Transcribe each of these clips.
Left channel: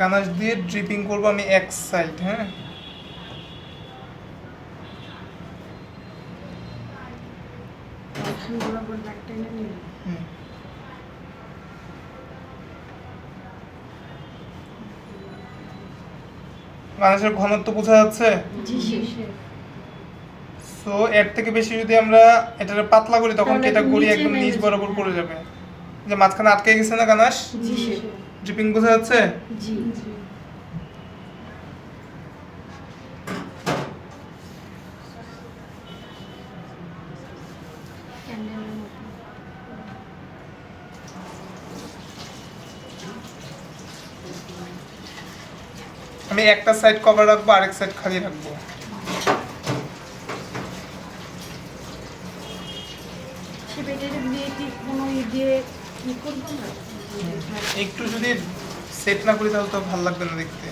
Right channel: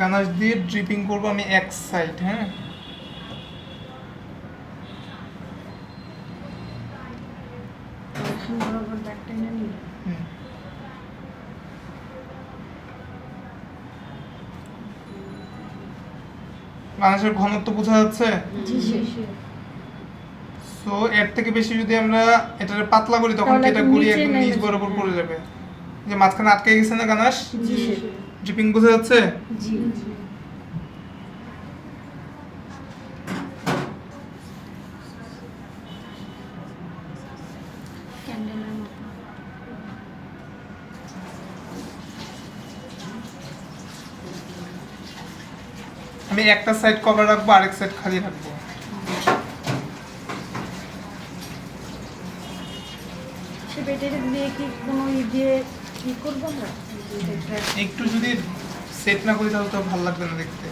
Ganache দিয়ে dripping করব আমি এক সাইড। হ্যাঁ, গানাশের ঘনত্ব বোঝা যাচ্ছে। সো এর থেকে বেশি যদি আমরা এটা পাতলা করি তখন কি এটা গড়ি একদম নিচ বরাবর পড়ে যাবে, যে মাঝখানে আটকে গেছে না গানাশ। ড্রিপিং বোঝা যাচ্ছে। আমি একটা সাইড কভার রাখবো, আরেক সাইড খালি রাখবো। একটু যদি সেট না করি তাহলে তো ভালো লাগবে না দেখতে।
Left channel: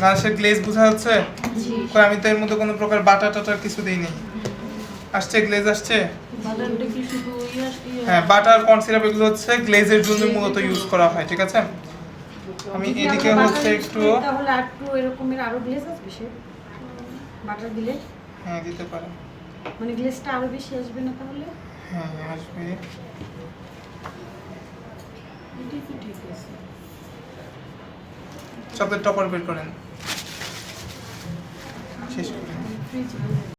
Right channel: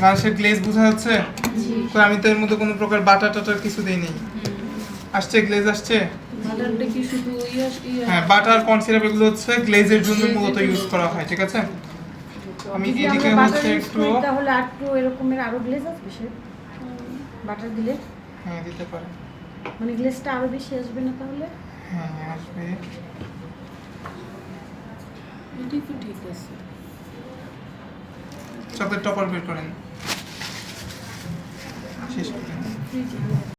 গানাশের গ্লেজ বোঝা যাচ্ছে। আমি তো এর মধ্যে কোনো প্রকার বাটার টাটার কিছু দিই নেই। আসছে গ্লেজ আসছে। হ্যাঁ, বাটার কর্ন সিরাপ এগুলো হচ্ছে গ্লেজের জন্য মূলত ইউজ করা হয়, ঠিক আছে। আমি এদিকে হচ্ছে একটু তাহলে একটু এরকমের আরো গ্লেজ আসবে সে বাটার দিলে। হ্যাঁ, দিতে পারেন। মানে গ্লেজটা আরো বেশি আসবে না তাহলে? হ্যাঁ, আসবে। এটাই তো ঠিক আছে। চকলেট টপার বের করেন, শেষ করেন।